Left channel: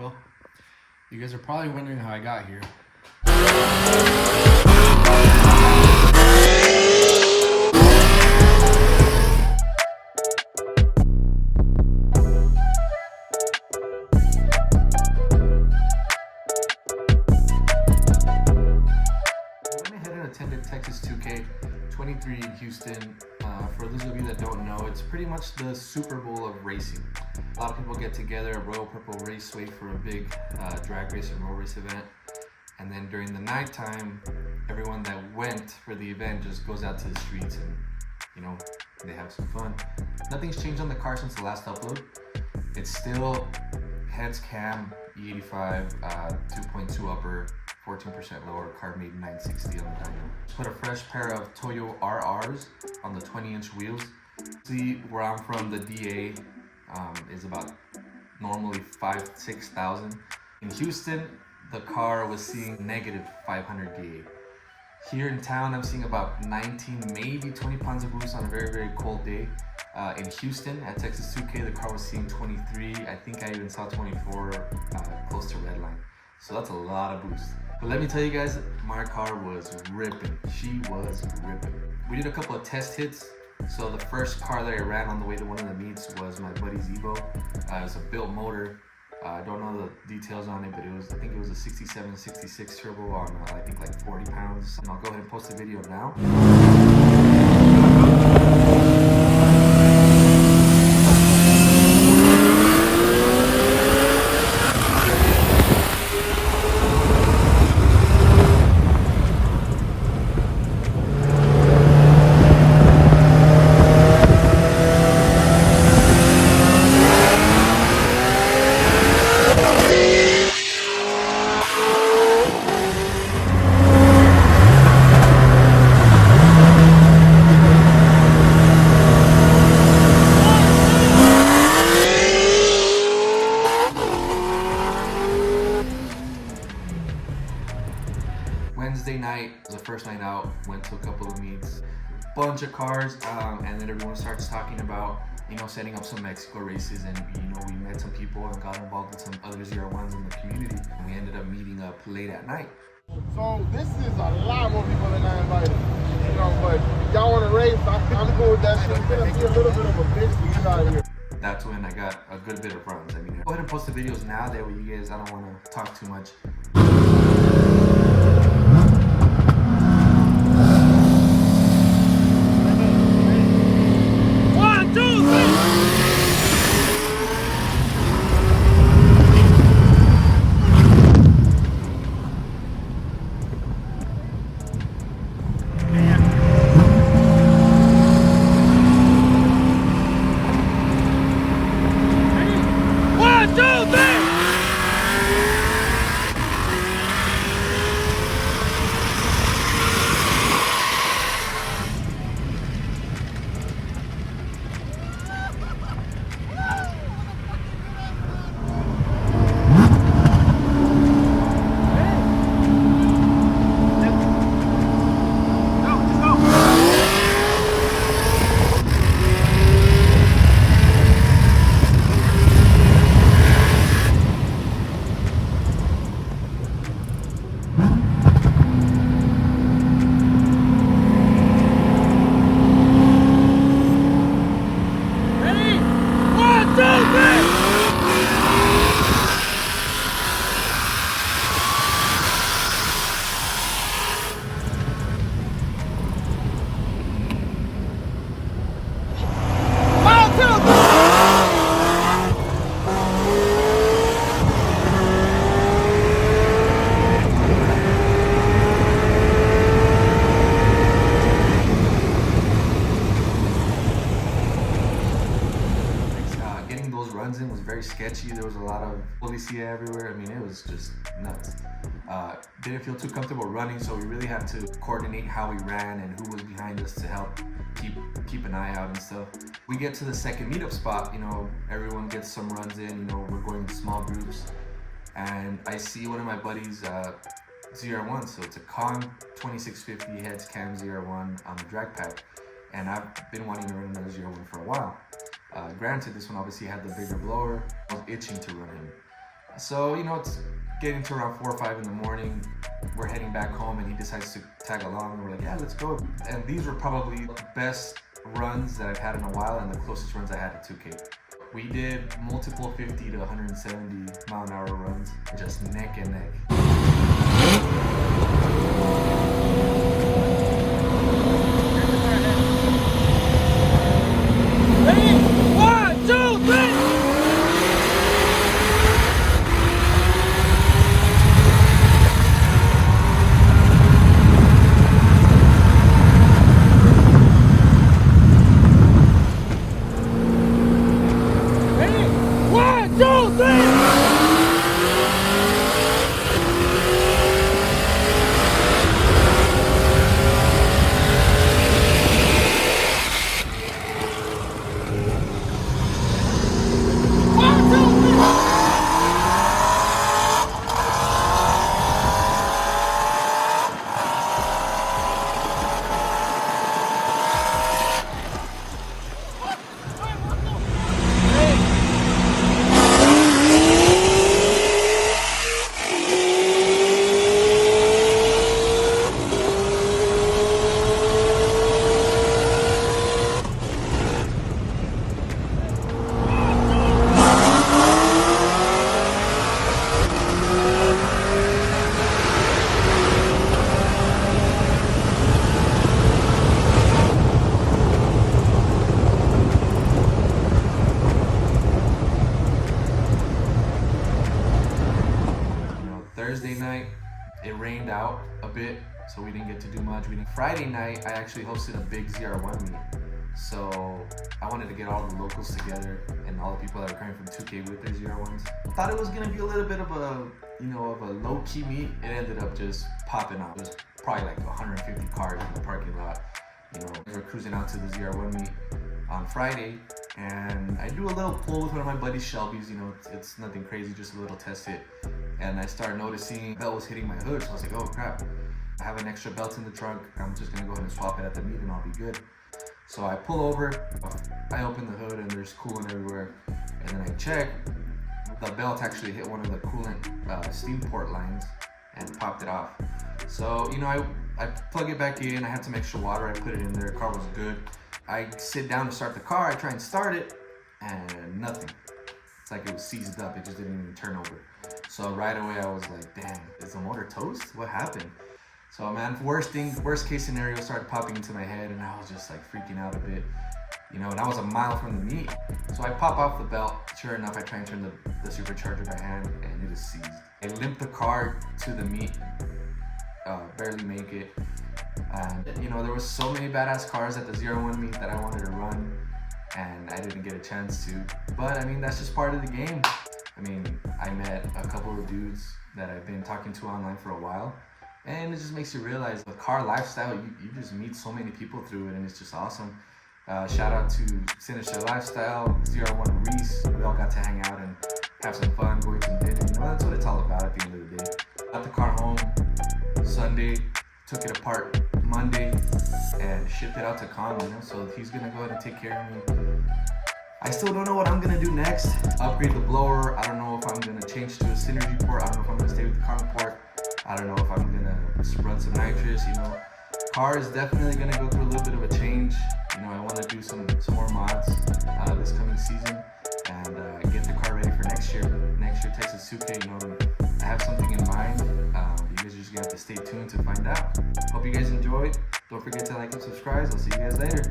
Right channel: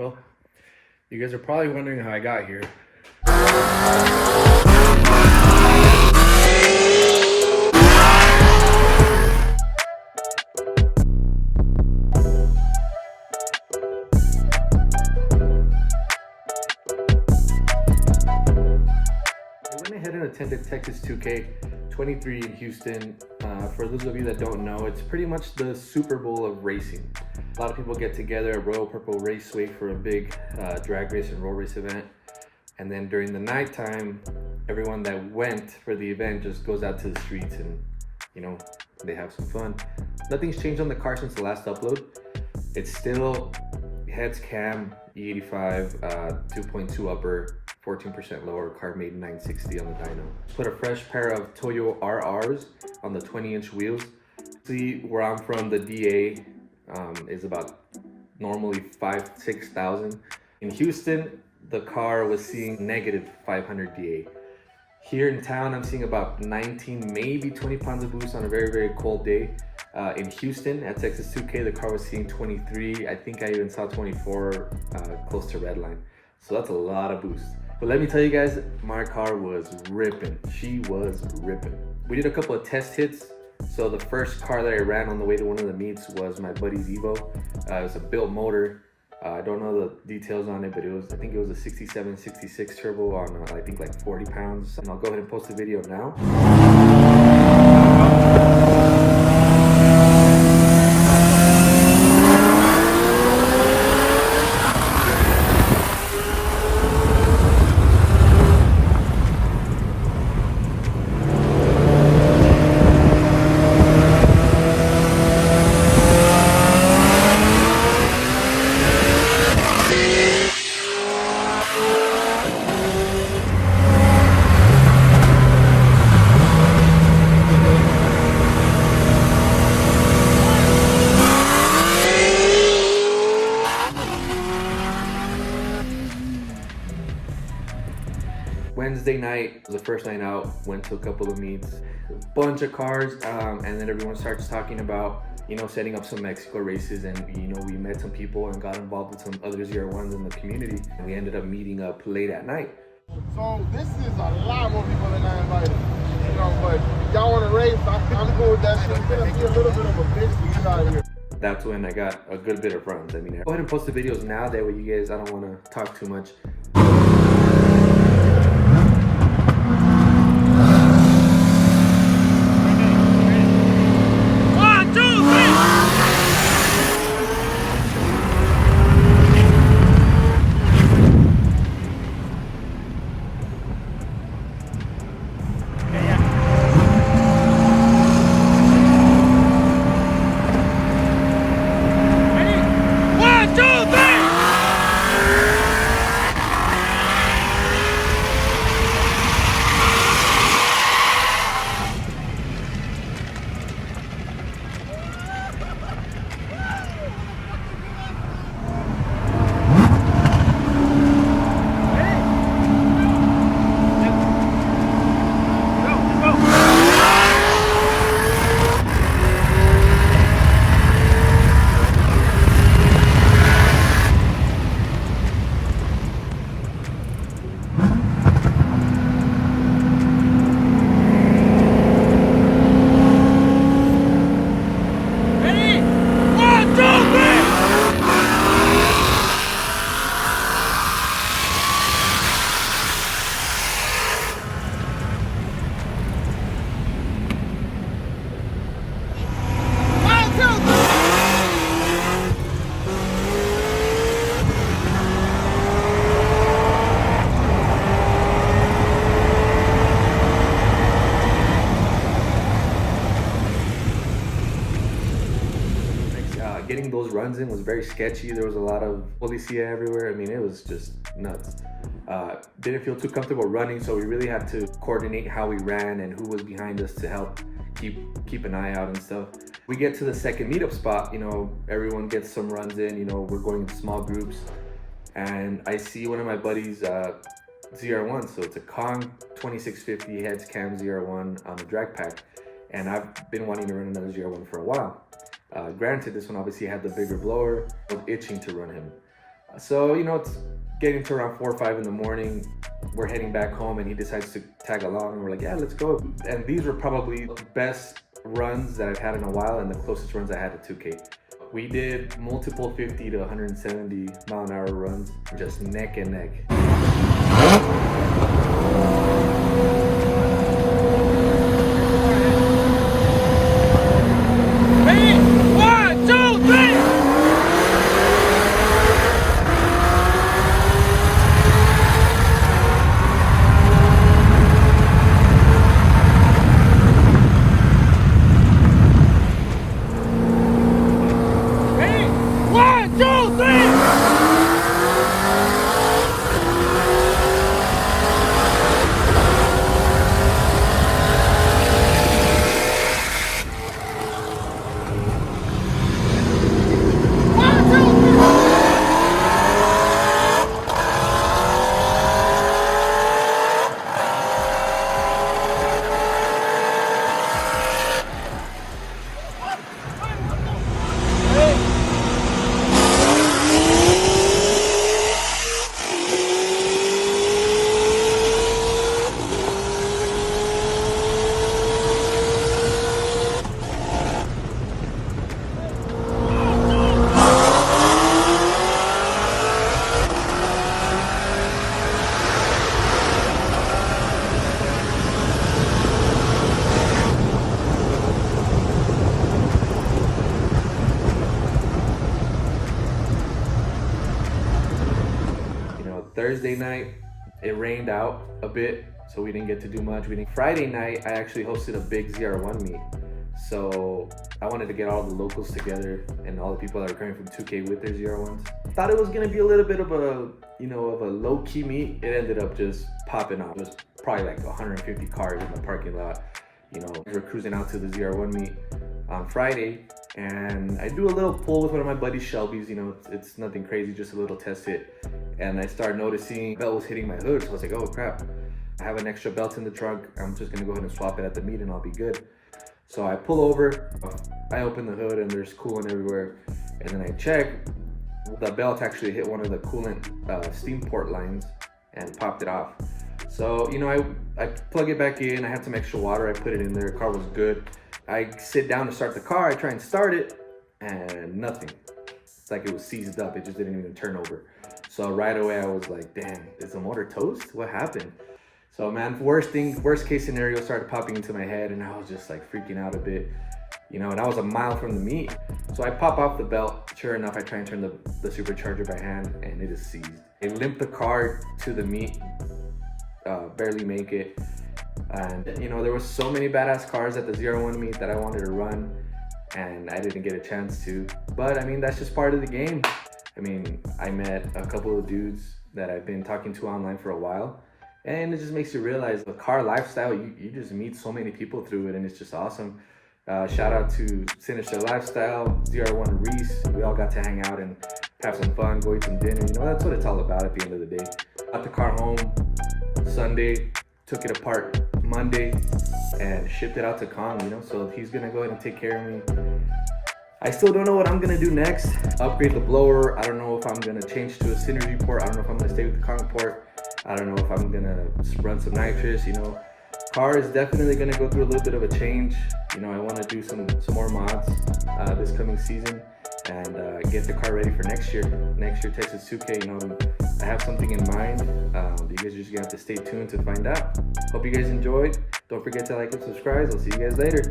Well, you guys are probably wondering how I got here. I went ahead and attended TX2K23 in Houston. For those of you that don't know, it's pretty much the Super Bowl of racing. A lot of people get together at Royal Purple Raceway for a big drag race and roll race event. And then during the nighttime, everyone that went for the event just goes out to the streets and, you know, they have some fun. Nothing's changed on the car since the last upload. It's still heads cam, E85, 2.2 upper, 14% lower, car made 960 on the dyno. Put a fresh pair of Toyo RRs on the 20-inch wheels. See, where I'm from, the DA is about normally 6,000. In Houston, the car was seeing negative 500 DA. Here in town, I'm seeing about 19, maybe 20 pounds of boost on a very, very cold day. In Houston, at TX2K, the car was seeing 23. I think I even saw 24 close to redline. So that's a lot of boost. But let me tell you guys, my car was ripping. She was ripping. We did a couple of test hits. So the first car that I ran on the way to one of the meets was my buddy's Evo. It was a built motor. I don't know the details on it, but I think it was a 67, 66 turbo on I think like 40 pounds. And I'll go ahead and post the video now. Wednesday night was the first night out, went to a couple of meets, bunch of cars, and then everyone starts talking about, you know, setting up some Mexico races, and you know, we met some people and got involved with some other ZR1s in the community, and we ended up meeting up late at night. So this is a lot more people than I invited, you know, but y'all want to race, I'm cool with that shit. It's gonna be a little bit of a bitch to get out of here. That's when I got a good bit of runs. I mean, go ahead and post the videos now, that way you guys, I don't want to talk too much. Getting those runs in was very sketchy. There was a lot of policia everywhere. I mean, it was just nuts. Didn't feel too comfortable running, so we really had to coordinate how we ran and who was behind us to help keep an eye out and stuff. We get to the second meetup spot, you know, everyone gets some runs in, you know, we're going in small groups, and I see one of my buddies ZR1, so it's a Kong 2650 heads cam ZR1 on the drag pack, and I've been wanting to run another ZR1 for a while. Granted, this one obviously had the bigger blower. I was itching to run him. So, you know, it's getting to around 4 or 5 in the morning. We're heading back home and he decides to tag along. And we're like, yeah, let's go. And these were probably the best runs that I've had in a while and the closest runs I had to 2K. We did multiple 50 to 170 mile an hour runs, just neck and neck. Thursday night, it rained out a bit, so we didn't get to do much. Friday night, I actually hosted a big ZR1 meet. So I wanted to get all the locals together and all the people that are coming from 2K with their ZR1s. Thought it was gonna be a little bit of a, of a low-key meet. It ended up just popping off. It was probably like 150 cars in the parking lot. We were cruising out to the ZR1 meet on Friday, and I do a little pull with one of my buddy's Shelbys. It's nothing crazy, just a little test hit. And I started noticing belt was hitting my hood, so I was like, oh crap, I have an extra belt in the trunk. I'm just gonna go ahead and swap it at the meet and I'll be good. So I pull over, I open the hood and there's coolant everywhere. And then I check, the belt actually hit one of the coolant steam port lines and popped it off. So, I plug it back in, I had some extra water, I put it in there, the car was good. I sit down to start the car, I try and start it, and nothing. It's like it was seized up, it just didn't even turn over. So right away I was like, damn, is the motor toast? What happened? So man, worst case scenario started popping into my head and I was just like freaking out a bit, and I was a mile from the meet. So I pop off the belt. Sure enough, I try and turn the supercharger by hand and it is seized. I limped the car to the meet, barely make it. And there was so many badass cars at the ZR1 meet that I wanted to run and I didn't get a chance to. But I mean, that's just part of the game. I met a couple of dudes that I've been talking to online for a while, and it just makes you realize the car lifestyle, you just meet so many people through it, and it's just awesome. Shout out to Sinister Lifestyle, ZR1 Reese. We all got to hang out and have some fun, go eat some dinner. That's what it's all about at the end of the day. Got the car home Sunday, took it apart Monday, and shipped it out to Kong, so he's gonna go ahead and take care of me. I still don't know what I'm gonna do next. Upgrade the blower. I don't know if I'm gonna change to a Synergy port. I don't know if I'm gonna stay with the Kong port. I don't know if I'm gonna run some nitrous. Car is definitely gonna go through a little bit of a change. I want to do some more mods this coming season and get the car ready for next year. Next year Texas 2K. I have something in mind. You guys are just gonna have to stay tuned to find out. Hope you guys enjoyed. Don't forget to like and subscribe. I'll see you guys later.